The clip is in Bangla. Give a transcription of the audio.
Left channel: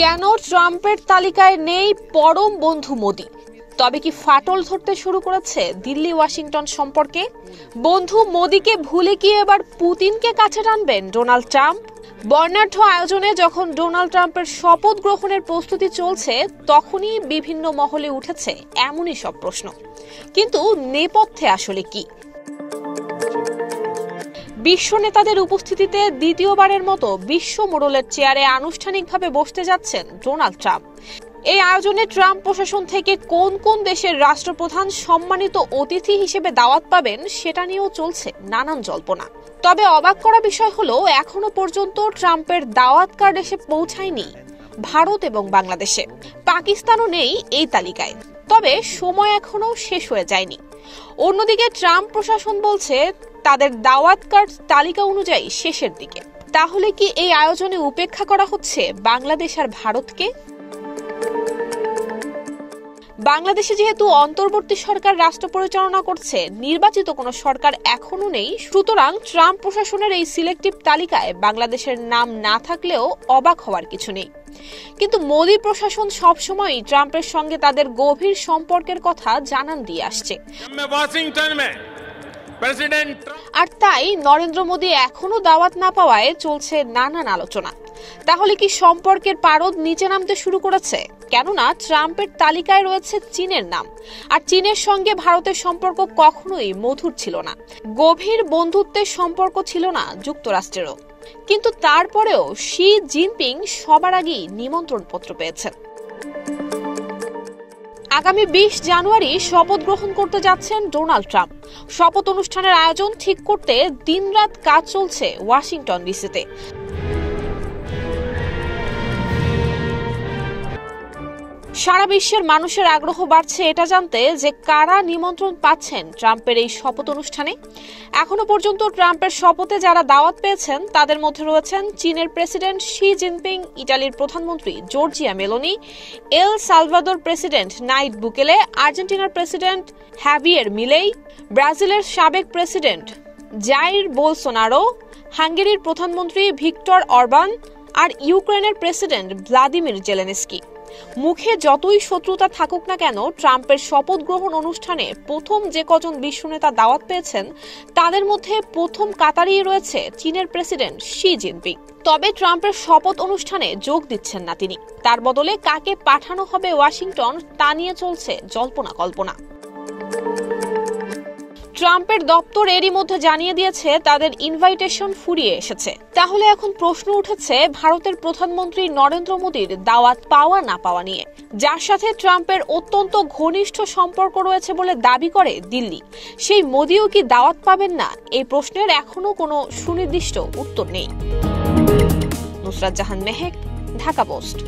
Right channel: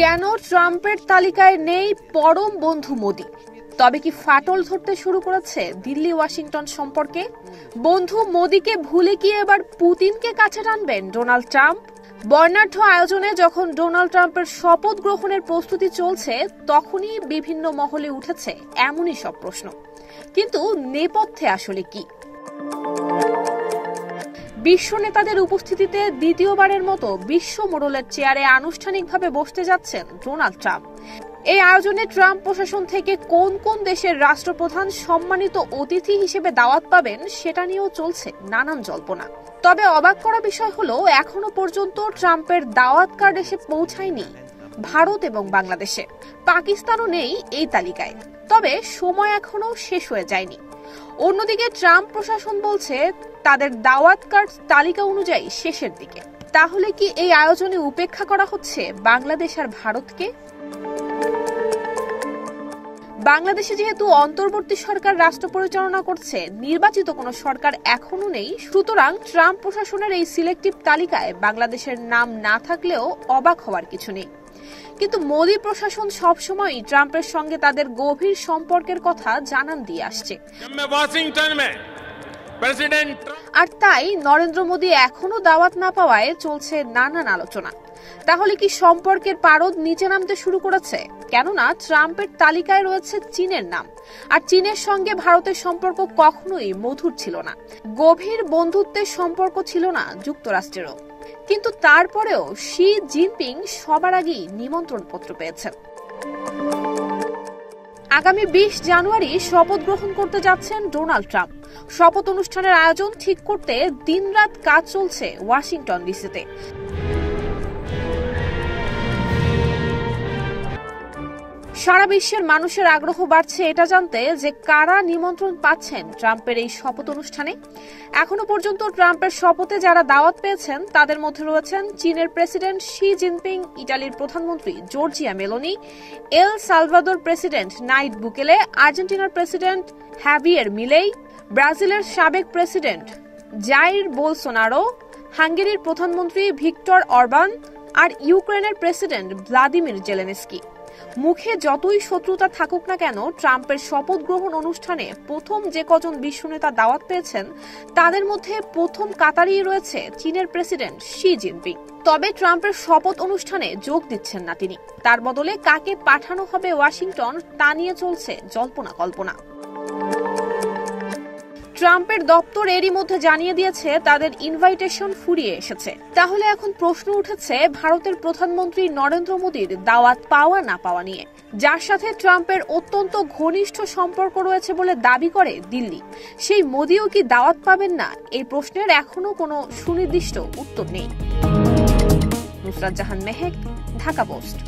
কেন ট্রাম্পের তালিকায় নেই পরম বন্ধু মোদি? তবে কি ফাটল ধরতে শুরু করেছে দিল্লি ওয়াশিংটন সম্পর্কে? বন্ধু মোদিকে ভুলে কি এবার পুতিনকে কাছে টানবেন ডোনাল্ড ট্রাম্প? বর্ণাঢ্য আয়োজনে যখন ডোনাল্ড ট্রাম্পের শপথ গ্রহণের প্রস্তুতি চলছে, তখনই বিভিন্ন মহলে উঠেছে এমনই সব প্রশ্ন। কিন্তু নেপথ্যে আসলে কি? বিশ্ব নেতাদের উপস্থিতিতে দ্বিতীয়বারের মতো বিশ্ব মোড়লের চেয়ারে আনুষ্ঠানিকভাবে বসতে যাচ্ছেন ডোনাল্ড ট্রাম্প। এই আয়োজনে ট্রাম্প প্রশাসন থেকে কোন কোন দেশের রাষ্ট্রপ্রধান সম্মানিত অতিথি হিসেবে দাওয়াত পাবেন সেটা নিয়েও চলছে নানান জল্পনা। তবে অবাক করা বিষয় হলো, এখনো পর্যন্ত ট্রাম্পের দাওয়াত কার্ড এসে পৌঁছায়নি ভারত এবং বাংলাদেশে। পাকিস্তানও নেই এই তালিকায়, তবে সময় এখনো শেষ হয়ে যায়নি। অন্যদিকে ট্রাম্প প্রশাসন বলছে তাদের দাওয়াত কার্ড তালিকা অনুযায়ী শেষের দিকে। তাহলে কি এই আয়োজনে উপেক্ষা করা হচ্ছে বাংলাদেশ আর ভারতকে? বাংলাদেশে যেহেতু অন্তর্বর্তী সরকার রাষ্ট্র পরিচালনা করছে, নির্বাচিত কোনো সরকার এখনো নেই, সুতরাং ট্রাম্প প্রশাসনের এই সিলেক্টিভ তালিকায় বাংলাদেশের নাম না থাকলেও অবাক হওয়ার কিছু নেই। কিন্তু মোদি প্রশাসন সবসময়ই ট্রাম্পের সঙ্গে তাদের গভীর সম্পর্কের কথা জানান দিয়ে আসছে। আর তাই নরেন্দ্র মোদি এখনো দাওয়াত না পাওয়ায় চলছে নানান আলোচনা। তাহলে কি সম্পর্কের পারদ নিচে নামতে শুরু করেছে? কেননা ট্রাম্পের তালিকায় রয়েছে চীনের নাম, আর চীনের সঙ্গে ভারতের সম্পর্ক কখনোই মধুর ছিল না। গভীর বন্ধুত্বের সম্পর্ক ছিল না যুক্তরাষ্ট্রেরও। কিন্তু তারপরেও শি জিনপিং সবার আগেই নিমন্ত্রণ পত্র পেয়েছেন। আগামী 20 জানুয়ারি শপথ গ্রহণ করতে যাচ্ছেন ডোনাল্ড ট্রাম্প। শপথ অনুষ্ঠানের আয়োজন ঠিক করতে দিনরাত কাজ চলছে ওয়াশিংটন ডিসিতে। সারা বিশ্বের মানুষের আগ্রহ বাড়ছে এটা জানতে যে কারা নিমন্ত্রণ পাচ্ছেন ট্রাম্পের এই শপথ অনুষ্ঠানে। এখনো পর্যন্ত ট্রাম্পের শপথে যারা দাওয়াত পেয়েছেন তাদের মধ্যে রয়েছেন চীনের প্রেসিডেন্ট শি জিনপিং, ইটালির প্রধানমন্ত্রী Giorgia Meloni, El Salvador president Nayib Bukele, আর্জেন্টিনার প্রেসিডেন্ট হ্যাভিয়ের মিলেই, ব্রাজিলের সাবেক প্রেসিডেন্ট জাইর বোলসোনারো, হাঙ্গেরির প্রধানমন্ত্রী ভিক্টর অরবান আর ইউক্রেনের প্রেসিডেন্ট ভ্লাদিমির জেলেনস্কি। মুখে যতই শত্রুতা থাকুক না কেন, ট্রাম্পের শপথ গ্রহণ অনুষ্ঠানে প্রথম যে কজন বিশ্ব নেতা দাওয়াত পেয়েছেন তাদের মধ্যে প্রথম কাতারেই রয়েছে চীনের প্রেসিডেন্ট শি জিনপিং। তবে ট্রাম্পের শপথ অনুষ্ঠানে যোগ দিচ্ছেন না তিনি। তার বদলে কাকে পাঠানো হবে ওয়াশিংটন তা নিয়ে চলছে জল্পনা কল্পনা। ট্রাম্পের দপ্তর এরই মধ্যে জানিয়ে দিয়েছে তাদের ইনভাইটেশন ফুরিয়ে এসেছে। তাহলে এখন প্রশ্ন উঠেছে ভারতের প্রধানমন্ত্রী নরেন্দ্র মোদির দাওয়াত পাওয়া না পাওয়া নিয়ে, যার সাথে ট্রাম্পের অত্যন্ত ঘনিষ্ঠ সম্পর্ক রয়েছে বলে দাবি করে দিল্লি। সেই মোদিও কি দাওয়াত পাবেন না? এই প্রশ্নের এখনো কোনো সুনির্দিষ্ট উত্তর নেই। নুসরাত জাহান মেহেক, ঢাকা পোস্ট।